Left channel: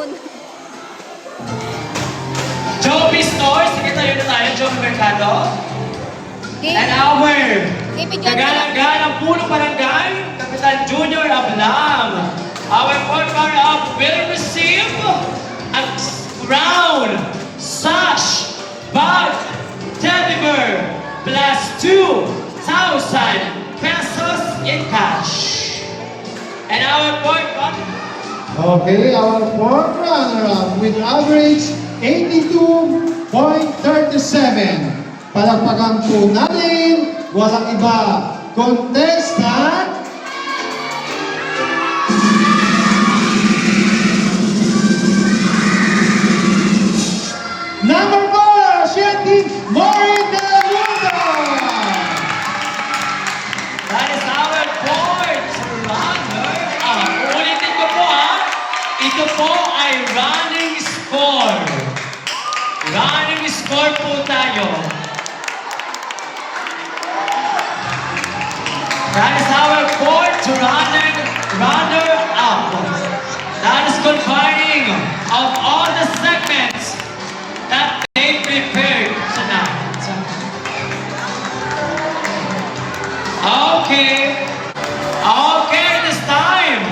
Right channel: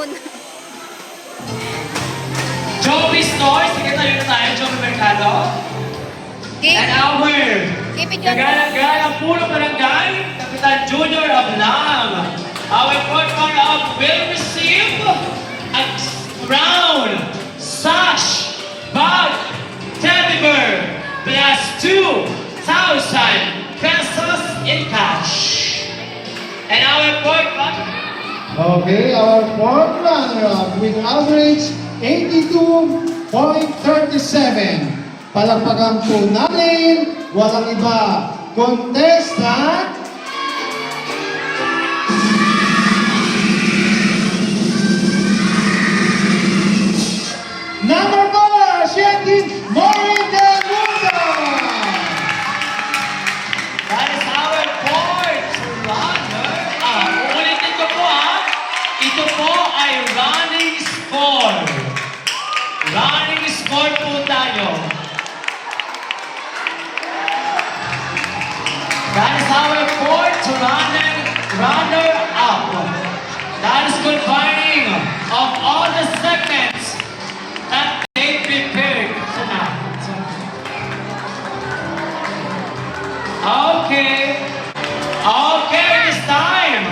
muna. Joby Stores, sige tayo na tayo, Joby Mercado. And our kagalang-galang puno barangay, Kapitan Junior Ablam. Our fourth runner-up will receive a crown, sash, bag, teddy bear, plus 2,000 pesos in cash. And our fourth runner. Okay, our fourth runner-up with average 82.37. Palakpakan po natin, walang iba, contestant number 4, Shentin Morin Del Mundo. That is our fourth runner-up. Ulitin ko po ito po ay running score. Running score po tayo. That is our fourth runner-up. That is combining of all the segments that they prepared tonight. Okay. Okay, this time.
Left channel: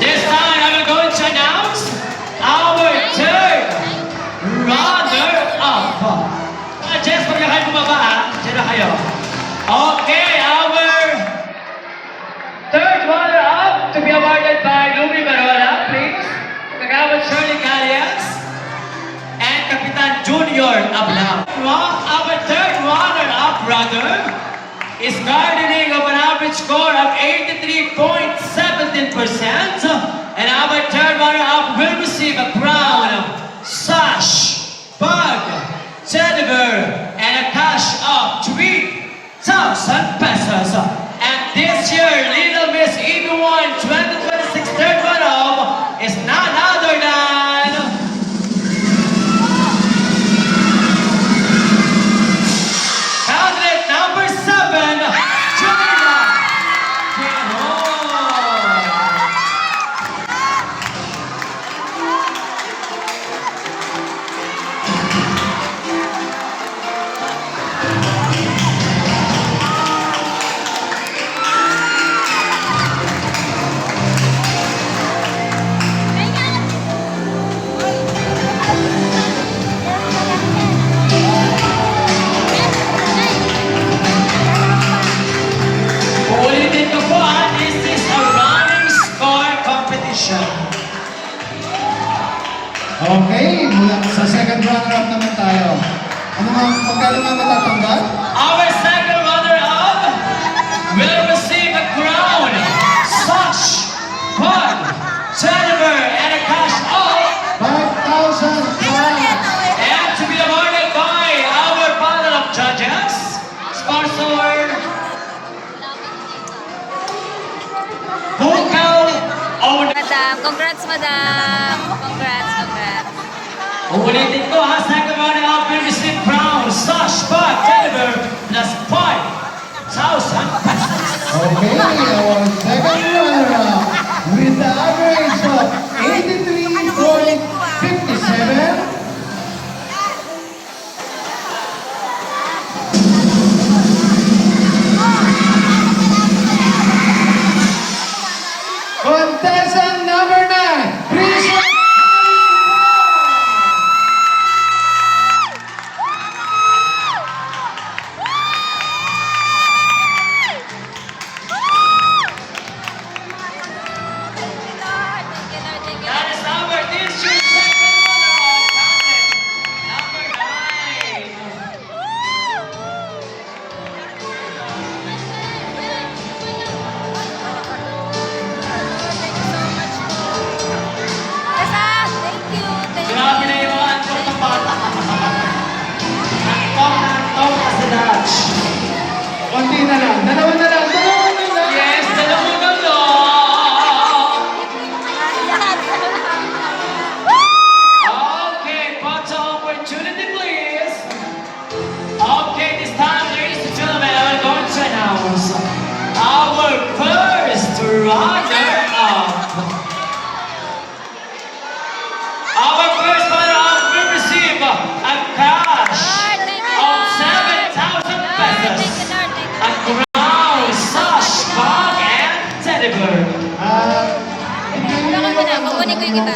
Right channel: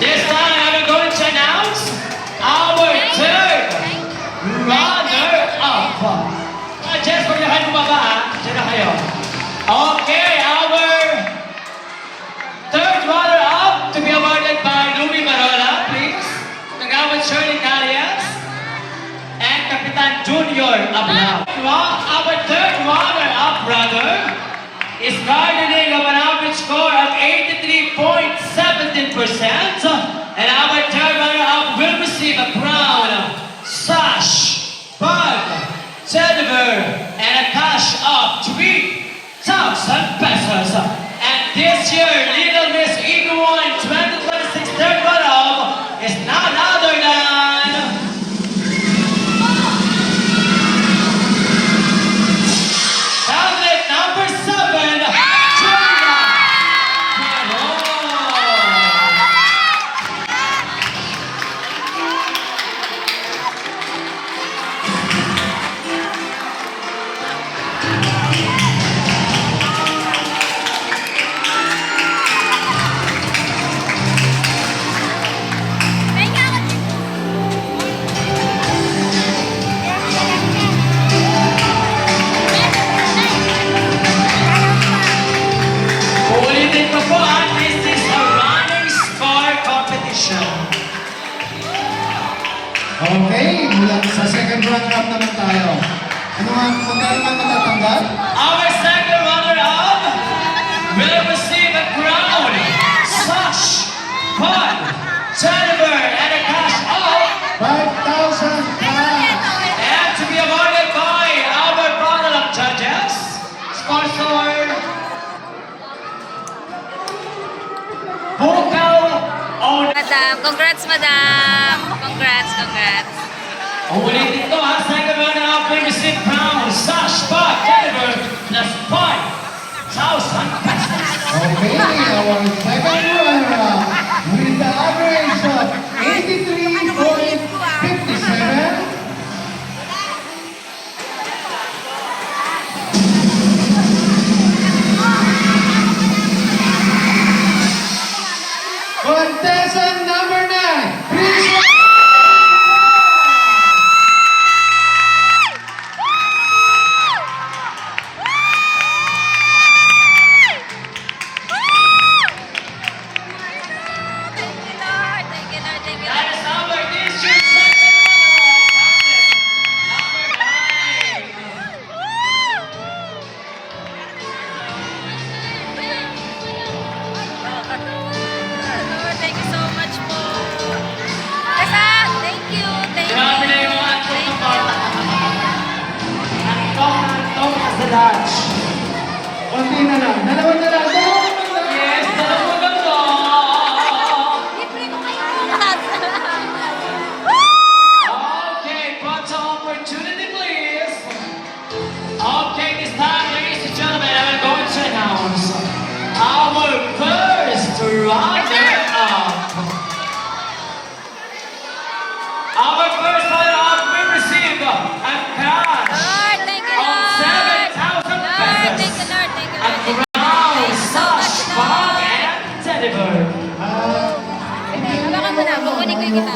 This time I'm going to announce our third runner-up. Jess, pagkahan mo ba? Diyan na kayo. Okay, our third runner-up to be awarded by Lumi Marola, please. Kagawad Shirley Galias and Kapitan Junior Ablam. Our third runner-up brother is garnering of an average score of 83.17%, and our third runner-up will receive a crown, sash, bag, teddy bear, and a cash of 3,000 pesos. And this year, Little Miss EB1 2026 third runner-up is none other than candidate number 7, Julia Piano. Ulitin ko po this is a running score competition. Okay, mula sa second runner-up naman tayo. Magkano nga matatanggap? Our second runner-up will receive a crown, sash, bag, teddy bear, and a cash of 5,000 cash. and to be awarded by our panel of judges, sponsor Bukaw Own. Madam, congrats, madam. Congrats. Ulitin ko second runner-up will receive crown, sash, bag, teddy bear, plus 5,000 pesos. Okay, our second runner-up with the average of 83.57. Contestant number 9, please. That is our district second runner-up, number 9. Thank you so much po. Tessa, thank you. Grabe na yung antong ng bata. Antong as the Dutch. Konti na lang, dalawa na lang.